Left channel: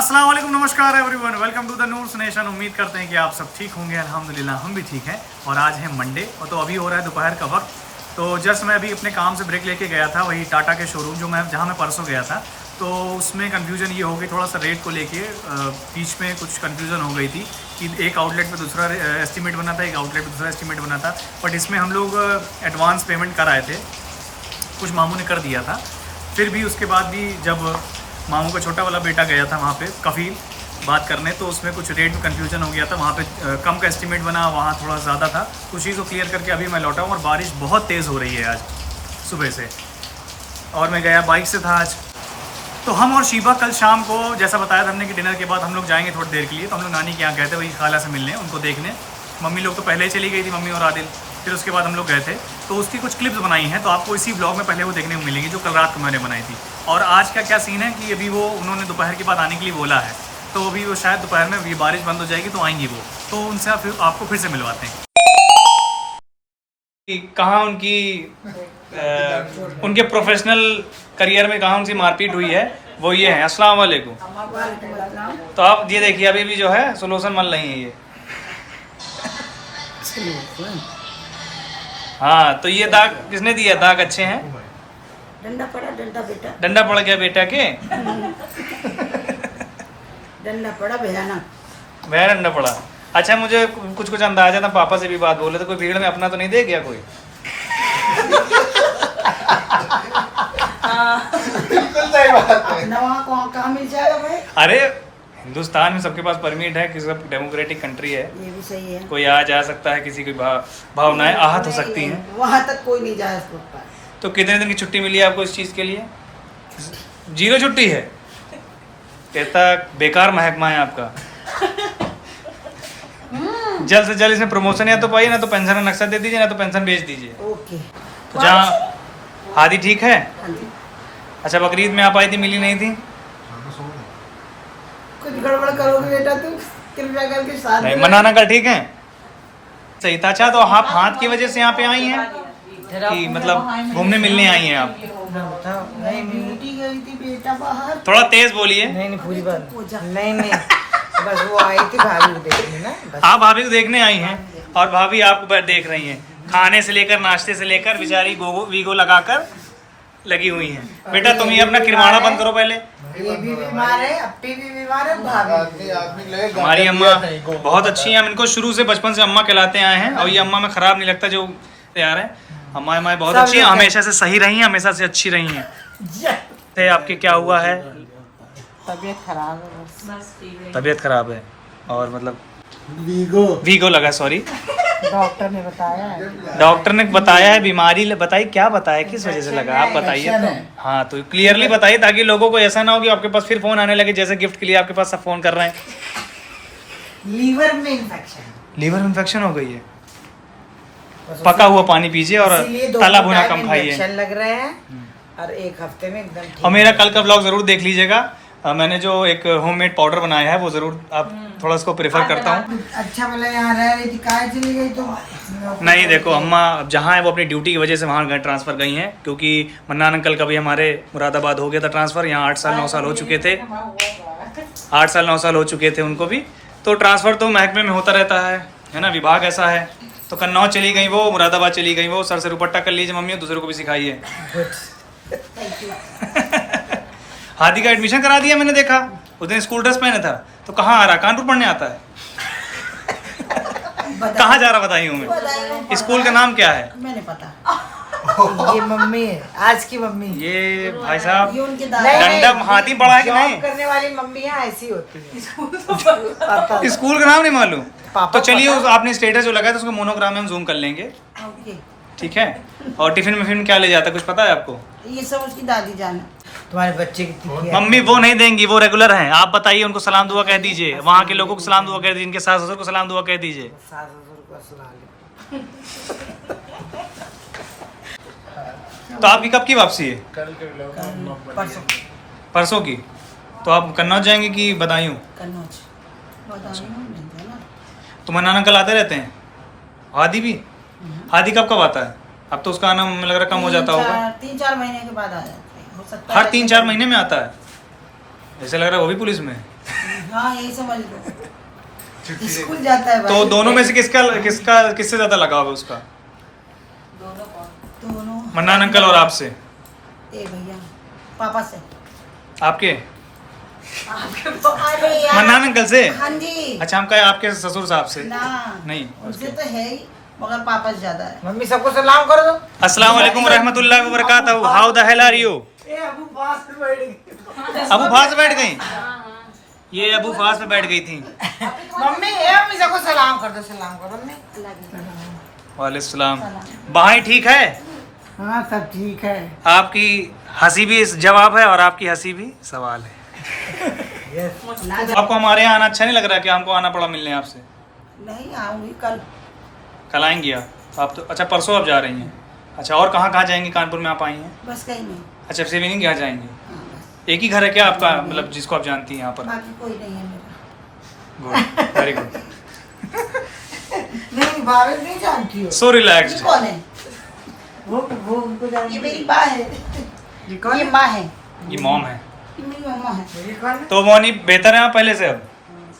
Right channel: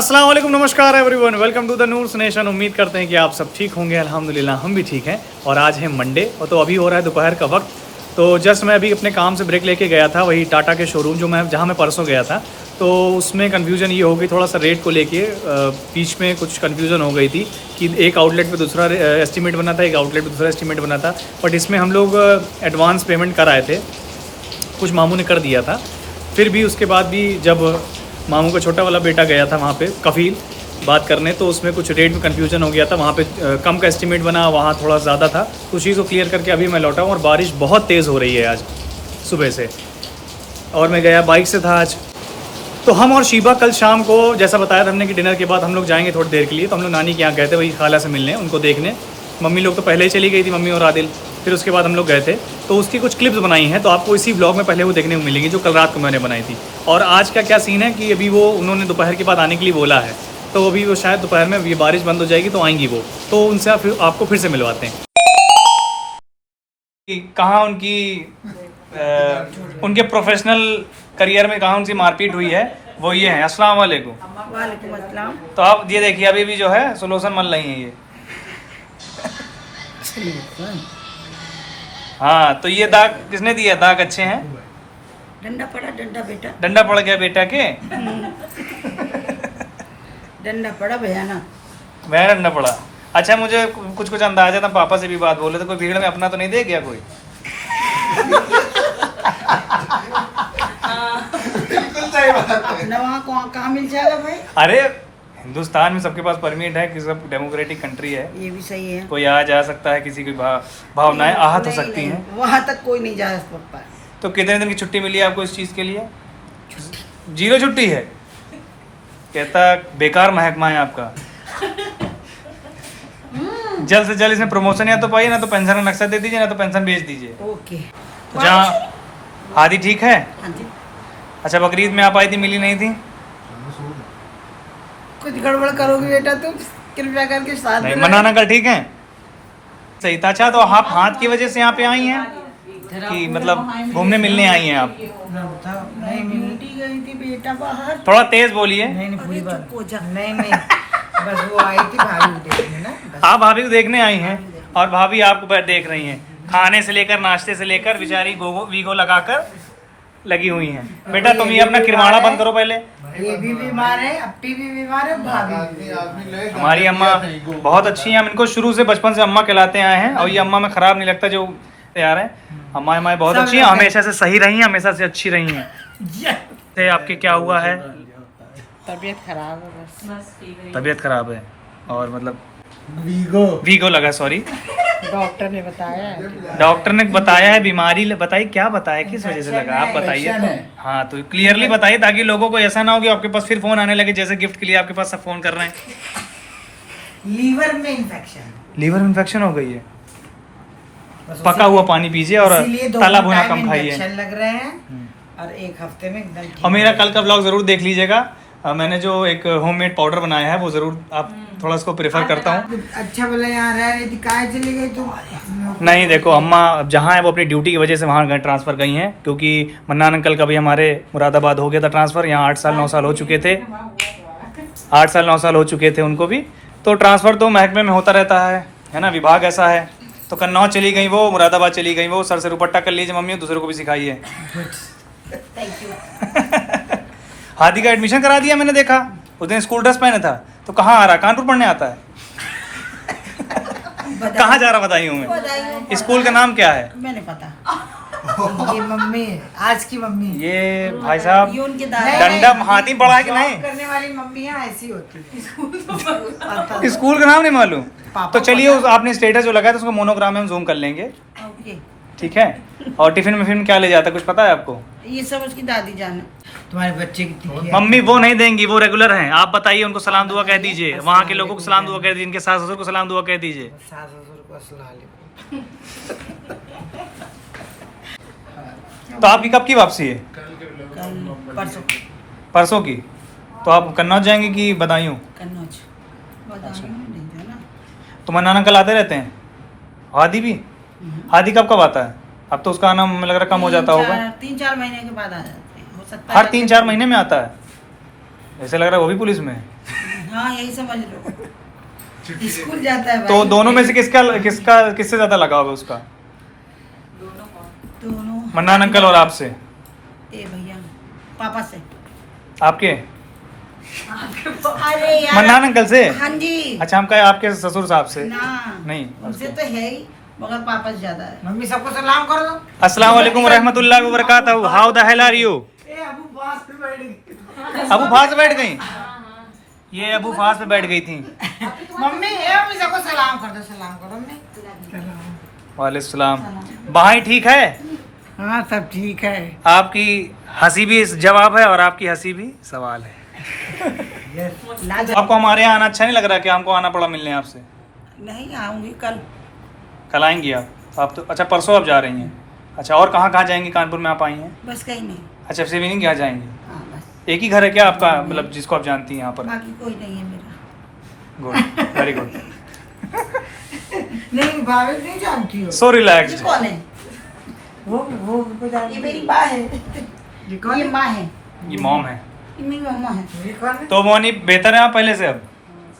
अस्सलाम वालेकुम, नमस्कार everyone, welcome to the Noor's nation. उम्मीद करते हैं कि आप सब ठीक होंगे। अल्हम्दुलिल्लाह हम भी ठीक हैं। और आज है मंडे और तो अभी हो रहा है दोपहर का वक्त। तो जस्ट मैं अभी अपने काम से ब्रेक लेके गया था, वही टाटा के शोरूम जहाँ मैं परसों गया था। तो उसमें कन्फ्यूजन ये हो गई थोड़ा सा रेट को लेके, बीच में कुछ कन्फ्यूज़न हो गई थी कि एक आउटलेट पे दूसरा एस्टीमेट बना था, एक आउटलेट पे दूसरा एस्टीमेट बना था। बट इसमें हम लोग एडवांस पेमेंट कराए थे, कुछ मामू ने कर दिया था। फिर भी उसके बाद भी जब मामू का छोटा वाला बेटा गया था वहाँ पे कफ़ील बात करने, तो उसमें कुछ रेट में कन्फ्यूजन हो गया था। वहाँ पे कम का एस्टीमेट बना, वहाँ थोड़ा ज़्यादा था। उस चीज़ को क्लियर करके अभी मैं लौटा हूँ। और बारिश बहुत तेज़ हो रही है आज सुबह से, और मैं गया बाइक से था आज। तो हम और शीबा कल शाम को, जैसा बताया था हमने कि डिनर के बाद हम लोग जाएंगे थोड़ी देर के लिए। तो हम लोग नानी के यहाँ गए थे, वही खाला से मिलने, उनको देखने। मम्मी लोग तो पहले ही चली गई थी, मम्मी और आदिल। फिर उसके बाद हम लोग गए थे, तो उसकी कुछ क्लिप्स बनाई हैं, तो आपको इसी ब्लॉग में पहले वो देखने को मिलेंगी जो कल रात को मैंने बनाई थी। और आज का क्या सीन है कि अभी वो उन्होंने दोपहर के बाद आने के लिए बोला है, तो अभी वो शायद दोपहर में ये बारिश बंद हो जाएगी तो आएंगी वो। तो उनसे आपको फिर से मिलवाते हैं कि कहाँ उनके प्रोफेशनल करियर में कहाँ उनकी मारपीट हुई है, वो ये है। अस्सलाम वालेकुम। वालेकुम अस्सलाम। तो आप ये देखिए, अभी भी जो है सोल्यूशन मल रही हैं ये। हाँ, तो ये दाग किसने दिया? दाग अच्छे हैं। डंडा पड़ा, डंडा बेटा, डंडा पड़ गया बेटा के। डंडा पड़ा भयानक। वह डंडा पड़ा। अच्छा, मुझे कुछ अंदाजा था, पापा से भी बात बोले तो कोई भीड़ में अपना तो नहीं दे गया कोई? अपना वहाँ कहाँ मिल जाएगा भाई? अरे हिंदुस्तान में सबके पास परमिट है कि सब डेमोक्रेटिक कंट्री है। ये भी सही है। कोई आ जा सकता है, किसी की भावनाएं आहत हो सकती हैं। वहाँ तक कोई नहीं जा सकता है। तो कितने दिन की छुट्टी मिली है आपको इस चीज़ के लिए? 0 छुट्टी है। कहता बेकार महकमा है आपका। जल्द से जल्द इसमें प्रमोशन या तो पाइए, ना तो पेंशन का नक्शा दे दीजिए, ना तो पेंशन बेच दीजिए। ओके। तो जहाँ हादी ठीक है। हाँ जी। अच्छा, बकरीद में आप आई थी, मिली नहीं थी? कुछ गड़बड़ करोगे बेटा तुम, कृपया करके साथ नहीं, मनाना कल ठीक है, सही था। अच्छा, तो आप हाथ की वजह से यहाँ पे आई हैं कि मतलब घूमने मिलने आई हैं आप? नहीं, ड्यूटी गई थी बेटा बाहर। थोड़ा तेज बोलिए। नहीं, बस वो आई थी भाभी को देखने ना। आप भाभी को देखने आई हैं और भाभी आपको देख रही हैं, खाने से लेकर नाश्ते से लेकर बेचारी वीगो लगाकर लगी हुई हैं। बेटा तुम ये अपना किरमाना बंद करो पहले। ये भी बीमार है, अपनी भी बीमार है, भाभी। हमारी अम्मा बहुत अच्छी हैं, हम इनको शुरू से बचपन से अम्मा कहलाते आए हैं। और ये अम्मा में ख़राब नहीं लगता जो तैयार है। अम्मा बहुत अच्छी हैं, हमेशा से सही रही हैं, हमेशा से अच्छी रही हैं। आपके क्या हुआ है? तबीयत खराब है बस। तबीयत खराब है और मतलब वीगो लगा, सॉरी। डॉक्टर ने बताया है। डॉक्टर ने बताया है, बीमारी बताई, क्या बताया, किस वजह से लगा, आप बताइए तो। हाँ, तो क्लियरली बताइए ताकि लोगों को ऐसा ना हो कि आपके पास फिर फोन आने लगे, जैसे गिफ्ट के लिए आपके पास सब फोन कर रहे हैं। लीवर में इन्फेक्शन। लीवर इन्फेक्शन हो गई है। पका हुआ पानी पीजिए और तला भुना कम खाइए। लग रहे हैं और एक हफ्ते में एकदम। और मेरा कल का व्लॉग जरूर देख लीजिएगा। मैंने जो एक होममेड पाउडर बनाया है वो जरूर आप थोड़ा उसको प्रेफर करता हूँ। अच्छा भला यहाँ रह रही थी, काहे चली गई तुम? नहीं, देखो अम्मा जहाँ है वो अपनी ड्यूटी की वजह से वहाँ ट्रांसफ़र गई हैं, क्योंकि मन्नान अंकल का भी हमारे मुरादाबाद हो गया था ट्रांसफ़र। यहाँ 8 साल 9 साल हो चुके थे, 8 साल 9 साल हो चुके थे उनको भी। तो ट्रांसफ़र तो महकमे में होता रहता है ना, विभाग ऐसा है। तो कन्नौज चली गई वो, मुरादाबाद चली गई वो। सर से दुपट्टा कर लीजिए मम्मी, दूसरे को भी सिखाइए। हादी का एडमिशन करा दिया मैंने, देखा उस दिन स्कूल ड्रेस पहने था। तो कहाँ आ रहा, कानपुर पढ़ने आता है? कहाँ जा रहा बताइए मैं? स्कूल का नाम क्या है? मैंने पता। ये मम्मी है, आज की मम्मी। ये भाई साहब ये उनके डंडा हाथी पड़ा है कि नहीं? करने वाली मम्मी है, ऐसी होती है। स्कूल का नाम नहीं मालूम? तो चलिए, आपने स्टेटस जो लगाया था उसको मोनोग्राम में हम जूम कर लेंगे, ठीक है? और टिफिन में फिर क्या ले जाता है कुछ पता है आपको? ये सब उसकी दादी जान है। तुम्हारे बच्चे की मम्मी वो नहीं देंगी, वो रेगुलर हैं। आप बताइए, उनको सलाम दुआ कह दीजिए, वहाँ के लोगों को सलाम दुआ कह दीजिए, इनके सास ससुर को सलाम दुआ कह दीजिए। सास ससुर को सलाम। तो आपकी कब की वापसी है? परसों। परसों की? तो आप कन्नौज जाएंगे कि बदायूं? कन्नौज। तो मन्नान अंकल आते रहते हैं? हादी भी? हादी कब कब आता है? अब तो उसका आना मुझे लग रहा कम हो जाता होगा। 3-4 महीने के बाद आ जाता है, हो सकता है। हर 3-4 महीने में आता है? ऐसे लग रहा है वो भी पुलिस में है। हाँ यही समझ लो, स्कूल जाता है भाई। तो दोनों में से किससे ज्यादा लगाव है उसका? दोनों मन्नान अंकल और आपसे? ए भैया पापा से। आपके अरे यार मन्नान अंकल से? हाँ जी। अच्छा, हम कहे आपके ससुर साहब से। ना नहीं, उनसे उसके। तो है ही, मगर पापा से ज्यादा है। मम्मी सबको सलाम कर दो। अस्सलाम वालेकुम रहमतुल्लाहि व बरकातहू। How the hell are you? अबू फास बैठ गई? ये अबू फास पे बैठ गई थी। मम्मी सबको सलाम कर दो, सलाम करो मम्मी। वालेकुम सलाम। भाई ठीक है? हाँ सब ठीक है। आपकी हंसी भी जवाब है और आपकी हंसी भी सवाल है। आपको हमारे यहाँ आना अच्छा नहीं लग रहा? कि हमको आना पड़ा मिलने आपसे? नहीं आऊंगी कल। कल आएंगी आप तो? अच्छा, परसों आप जा रही हैं। अच्छा, और कहाँ कहाँ जाएंगी? कानपुर में आप आई हैं? बस कहीं नहीं। अच्छा, से भी नहीं क्या जाएंगी? हाँ, बस। एक ही घर है क्या आपका, मतलब जिसको आप जानती हैं यहाँ पर? बाकी कोई नहीं है मेरा। Good, very good. नहीं भाभी नहीं जानती हो। सो रिलैक्स्ड। ये कौन है? वो उनको ये जानती मेरी माँ है। है। ये माँ है। ये मॉम है। ये मेरी मामा है। तो मोनी बेहतर है आप पहले से अब?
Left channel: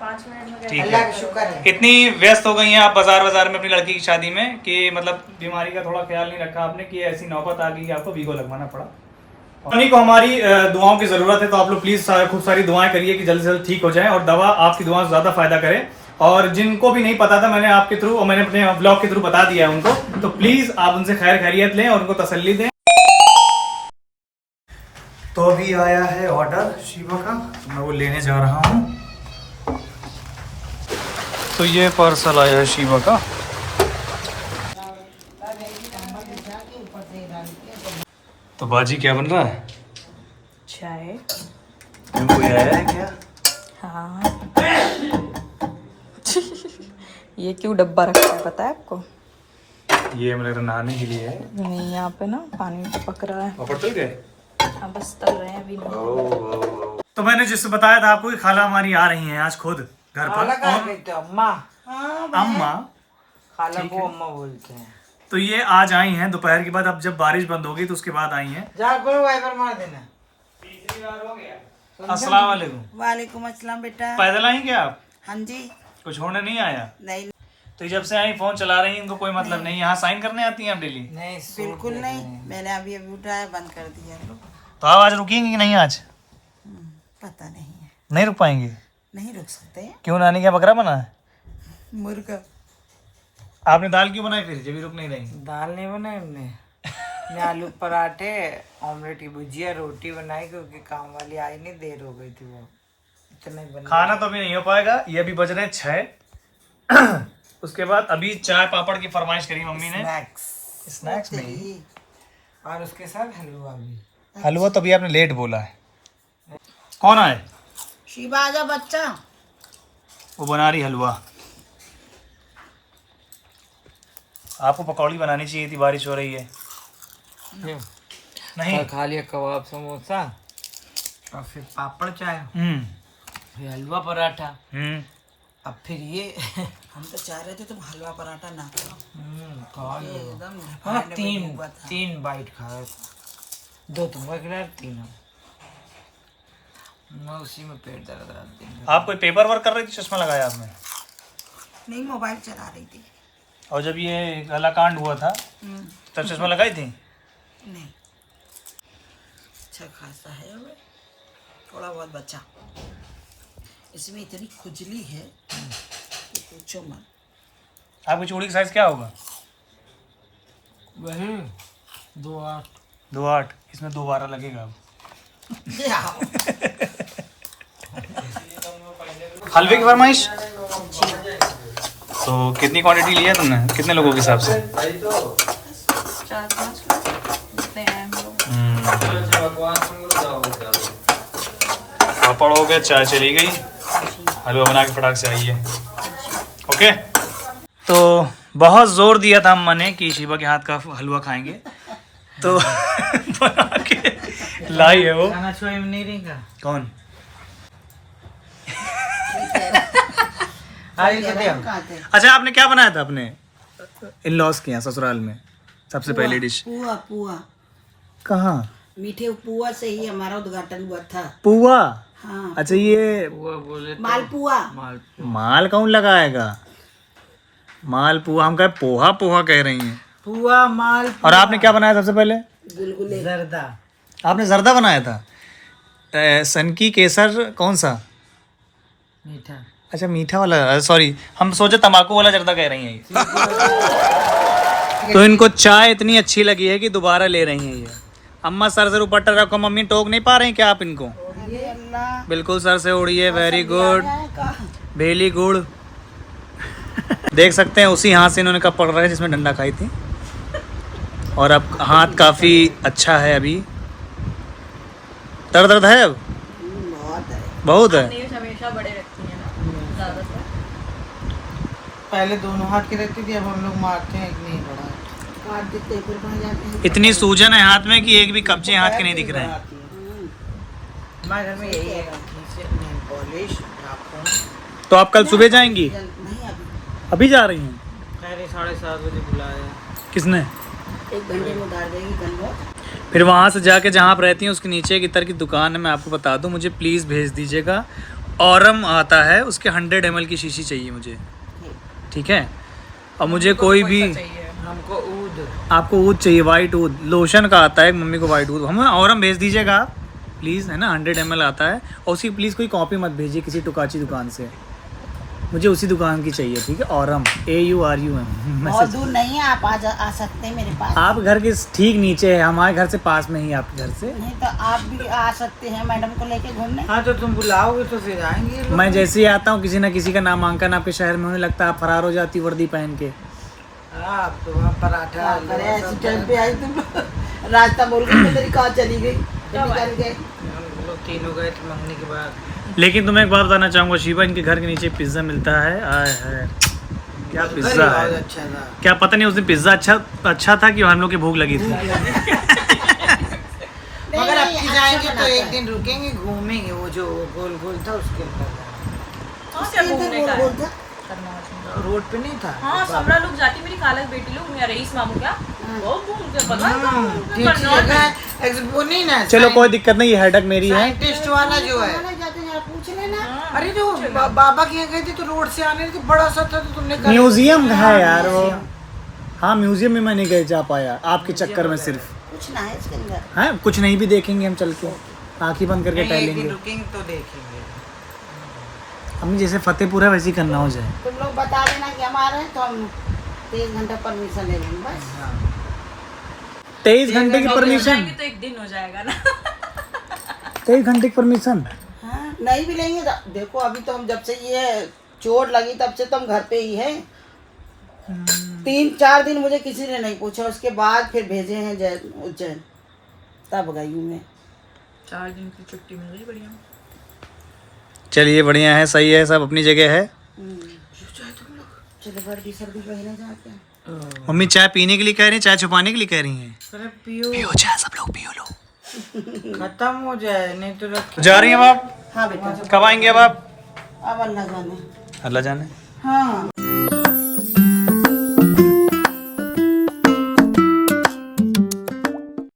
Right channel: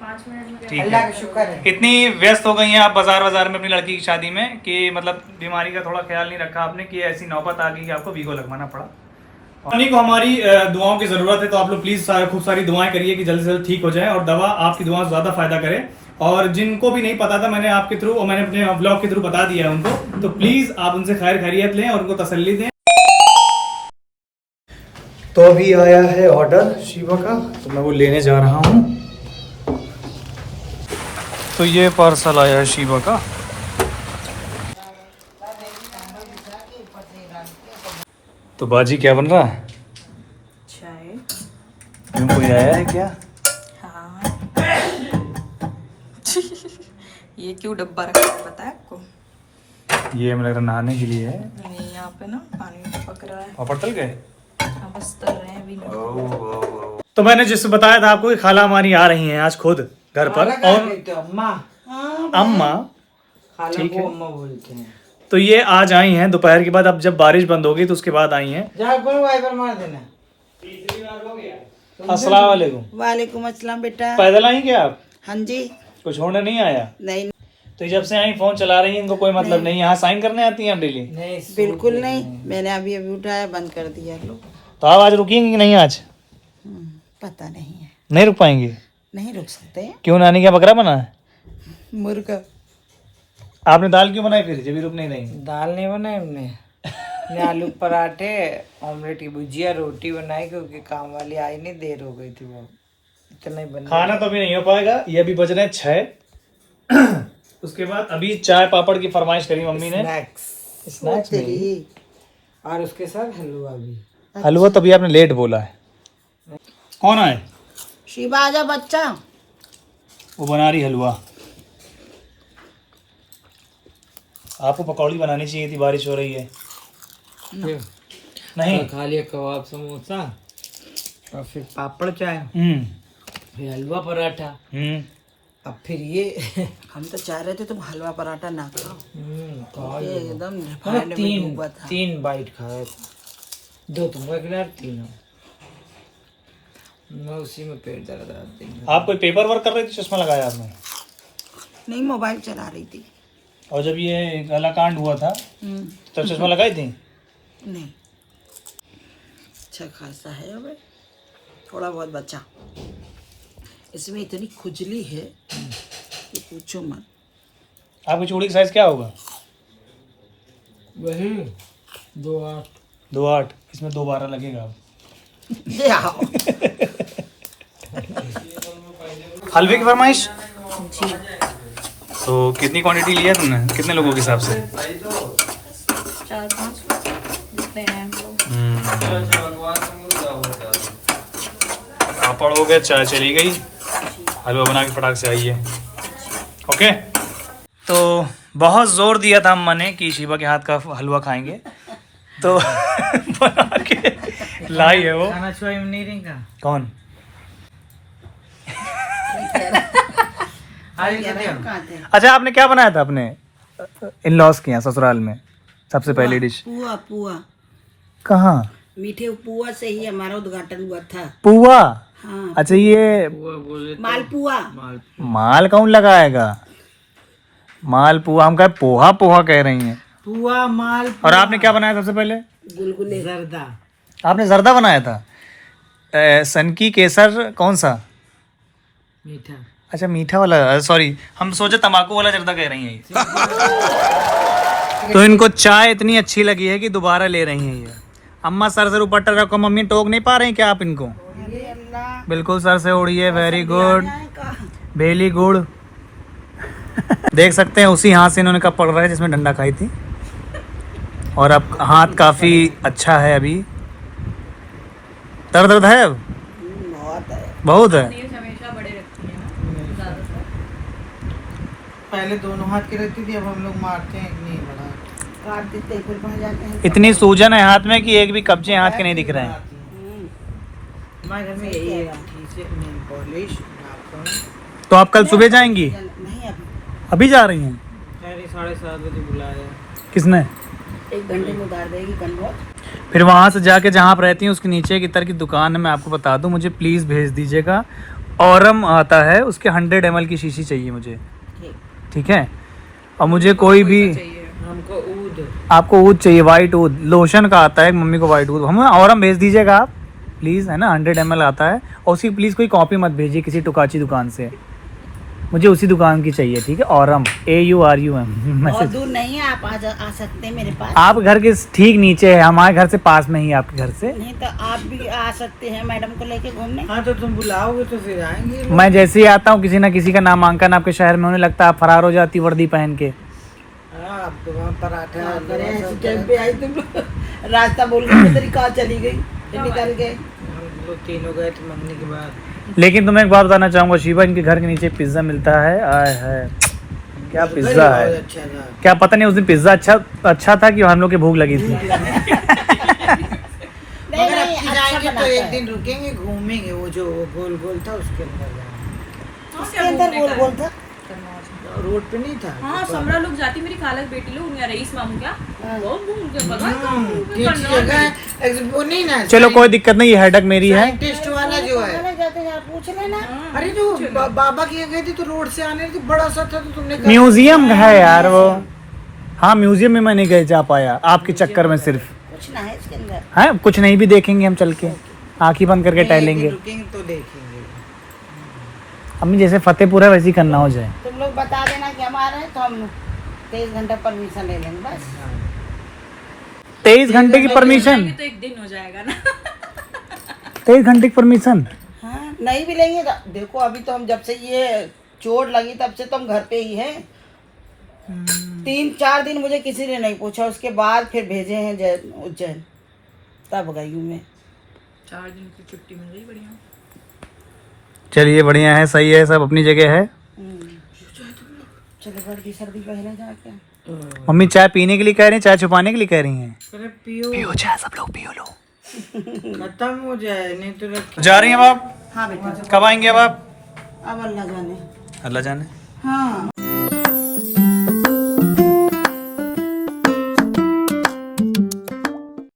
5 मिनट में ठीक अल्लाह है। का शुक्र है। इतनी व्यस्त हो गई हैं आप बाजार में अपनी लड़की की शादी में कि मतलब बीमारी का थोड़ा ख्याल नहीं रखा आपने, कि ऐसी नौबत आ गई कि आपको वीगो लगवाना पड़ा। उन्हीं को हमारी दुआओं की ज़रूरत है, तो आप लोग प्लीज़ खूब सारी दुआएं करिए कि जल्द से जल्द ठीक हो जाए और दवा आपकी दुआ से ज़्यादा फ़ायदा करे। और जिनको भी नहीं पता था, मैंने आपके थ्रू और मैंने अपने ब्लॉग के थ्रू बता दिया है उनको, तो प्लीज़ आप उनसे खैर खैरियत लें और उनको तसल्ली दें। तो अभी आया है ऑर्डर शिवा का, तो मैं वो लेने जा रहा हूँ। तो ये पार्सल आया है शिवा का। तो बाजी क्या बन रहा है? चाय। क्यों, कोई आया है क्या? हाँ। ये क्यों डब्बा रखा है पता है आपको? ये मेरा नहाने के लिए है। नहीं, यहाँ पे ना पानी पक रहा है। पापड़ तल गए? अब बस तल रहे हैं अभी। तो मैंने जिससे बताया था आपको कि खाला हमारी आ रही हैं आज खुद घर पर। और अम्मा, अम्मा, खाला ठीक को है। अम्मा बोलते हैं। तो ये आज आई हैं दोपहर के बाद, अब जब बारिश बंद होगी तो उसके बाद आई हैं। जा गुरु वाइपर मार देना। अस्सलाम वालेकुम। वालेकुम अस्सलाम बेटा। पैदल आई क्या आप? हाँ जी। कुछ होने नहीं आया? नहीं तो जब से आई फोन चला रही हैं, इनको कोई मतलब नहीं। यहाँ साइन करने आती हैं आप डेली? नहीं बिल्कुल नहीं, मैंने अभी उठाया, बंद कर दिया। लो तो आप आज रुकेंगी कि नहीं? आज पता नहीं है। नहीं रुक पाएंगी? नहीं रुक सकते हैं। क्यों, नानी क्या बकरा बना है? मुर्गा। आपने दाल क्यों बनाई फिर जब भी रुक नहीं रही? दाल नहीं बनाई हमने। ने आलू पराठे, ऑमलेट की भुजिया, रोटी बनाई क्योंकि काम वाली आई नहीं, देर हो गई थी, वो इतना ही बना। खाना तो अभी नहीं हो पाएगा, ये अभी बज रहे हैं 6। उसके बाद अभी चाय पापड़ की फरमाइश करी मम्मी ने। स्नैक्स में तेरी। और उसके साथ हलवा भी। हलवा तो अभी आपने लेट बोला है। कौन आए? शिवा आजा बच्चा। वो बना रही हलवा। आपको पकौड़ी बनानी चाहिए थी, बारिश हो रही है। नहीं, खा लिया कबाब समोसा और फिर पापड़ चाय, फिर हलवा पराठा, अब फिर ये। हम तो चाह रहे थे तुम हलवा पराठा ना खाओ। खा ये लिया। एकदम मैंने रिफाइंड में डूबा था। तीन बाइट खाया था। 2 तुमको खिला, 3 हम। मैं उसी में पेट दर्द आती है। आप कोई पेपर वर्क कर रही थी, चश्मा लगाया आपने? नहीं, मोबाइल चला रही थी। और जब ये गला कांड हुआ था तब चश्मा लगाई थी? नहीं, अच्छा खासा है अब, थोड़ा बहुत बचा। इसमें इतनी खुजली है कि पूछो मत। आपकी चूड़ी का साइज क्या होगा? वही 2-8। 2-8। इसमें 2-12 लगेगा अब। ये आओ। हलवे की फरमाइश? तो कितनी क्वांटिटी लिया तुमने, कितने लोगों के हिसाब से? 4-5 जितने हैं हम लोग। पापड़ हो गया, चाय चली गई, हलवा बना के फटाक से आई है। ओके। तो बहुत ज़ोर दिया था अम्मा ने कि शिवा के हाथ का हलवा खाएंगे, तो बना के लाई है वो। खाना छुआई में नहीं रहेगा। कौन? कहाँ थे? अच्छा, आपने क्या बनाया था अपने इन लॉस के यहाँ ससुराल में सबसे पहली डिश? पुआ। कहाँ? मीठे पुआ से ही हमारा उद्घाटन हुआ था। पुआ? हाँ अच्छा ये मालपुआ माल कौन लगाएगा? माल पुआ, हम कह पोहा पोहा कह रही हैं। पुआ माल और आपने क्या बनाया सबसे पहले? गुलगुले जर्दा आपने जर्दा बनाया था। सनकी केसर कौन सा? मीठा। अच्छा मीठा वाला, सॉरी हम सोचे तंबाकू वाला जर्दा कह रही हैं ये। तो इनको चाय इतनी अच्छी लगी है कि दोबारा ले रही हैं ये। अम्मा सर से ऊपर टक रखो, मम्मी टोक नहीं पा रही क्या आप इनको? बिल्कुल सर से उड़िए, वेरी गुड वेरी गुड। देख सकते हैं उसी हाथ से इन्होंने कप पकड़ रखा है जिसमें डंडा खाई थी, और अब हाथ काफी अच्छा है। अभी दर्द है अब? बहुत है। पहले दोनों हाथ की रहती थी, अब हम लोग मारते हैं, एक नहीं बड़ा काट देते हैं, फिर बन जाते हैं। इतनी सूजन है हाथ में कि एक भी कब्जे हाथ के नहीं दिख रहे हैं। हमारे घर में यही है, नेल पॉलिश। तो आप कल सुबह जाएंगी? नहीं अभी अभी जा रही हैं? पहले 7:30 बजे बुलाया। किसने? 1 घंटे में उतार देगी कल। फिर वहाँ से जाके जहाँ आप रहती हैं उसके नीचे की तरफ की दुकान है, मैं आपको बता दूँ, मुझे प्लीज़ भेज दीजिएगा। औरम आता है, उसके 100 ml की शीशी चाहिए मुझे, ठीक है? और मुझे कोई भी, हमको ऊद, आपको ऊद चाहिए, वाइट ऊद, लोशन का आता है, मम्मी को वाइट ऊद, हमें औरम भेज दीजिएगा आप प्लीज़, है ना? 100 ml आता है। और उसकी प्लीज़ कोई कॉपी मत भेजिए किसी टुकाची दुकान से, मुझे उसी दुकान की चाहिए, ठीक है? औरम AURUM और मैसेज। दूर नहीं है, आप आ सकते हैं मेरे पास। आप घर के ठीक नीचे है, हमारे घर से पास में ही है, आपके घर से। नहीं तो आप भी आ सकते हैं मैडम को लेके घूमने। हाँ तो तुम बुलाओगे तो फिर आएंगे। मैं जैसे ही आता हूँ किसी ना किसी का नामांकन आपके शहर में होने लगता है, आप फरार हो जाती वर्दी पहन के। हाँ, अब तो वहाँ पराठा क्या करे, ऐसी टाइम पे आई तुम। रास्ता बोल के तेरी कहाँ चली गई, फिर निकल गए। हम लोग तीनों गए थे मम्मी के बाद। लेकिन तुम्हें एक बात बताना चाहूँगा शिवा, इनके घर के नीचे पिज्ज़ा मिलता है। आय है क्या पिज्ज़ा है, बहुत अच्छा था। क्या पता नहीं उस दिन पिज्ज़ा अच्छा था कि हम लोग की भूख लगी थी। नहीं अगर नहीं, अब अच्छा जाएंगे तो बनाता एक है। दिन रुकेंगे, घूमेंगे, वो जो गोल गोल था उसके अंदर जाएंगे। उसके अंदर गोल गोल था। रोड पे नहीं था। हाँ समरा लोग जाती, मेरी खाला की बेटी लोग, उनका रईस मामू क्या वो मुझे पता है, ठीक है, वो नहीं ना, चलो कोई दिक्कत नहीं, ये हेडक मेरी है। साइंटिस्ट वाला जो है। खाने जाते हैं, आप पूछ लेना। अरे जो बाबा के यहाँ गए थे तो रोड से आने तो बड़ा सा था, तो तुमने कहा- म्यूजियम है यार वो। हाँ म्यूजियम में मैं नहीं गए जा पाया आपके चक्कर में, सिर्फ कुछ ना है इसके अंदर। है कुछ नहीं भी देखेंगे हम चल के, आँखें बंद करके नहीं, एक दिन टहलेंगे। रुकेंगे तो देखेंगे। अम्मी जैसे फतेहपुर है वैसे ही करना हो जाए। तुम लोग बता देना कि हम आ रहे हैं तो हम 23 घंटा परमिशन ले लेंगे बस। 23 घंटे की परमिशन? तो एक दिन हो जाएगा ना। 23 घंटे की परमिशन? हाँ नहीं भी लेंगे तो देखो, अभी तो हम जब से ये चोट लगी तब से तो हम घर पे ही हैं। 3-4 दिन मुझे किसी ने नहीं पूछा, उसके बाद फिर भेजे हैं उज्जैन, तब गई हूँ मैं। 4 दिन की छुट्टी मिल गई, बढ़िया। चलिए बढ़िया है, सही है, सब अपनी जगह है। चलो वर्दी सर्दी पहने जाके। मम्मी चाय पीने के लिए कह रही हैं, चाय छुपाने के लिए कह रही हैं? अरे पियो, चाय सब लोग पियो लो। खत्म हो जाए, नहीं तो रख। जा रही हैं अब आप? हाँ बेटा, कब आएंगे अब आप? अब अल्लाह जाने। अल्लाह जाने। हाँ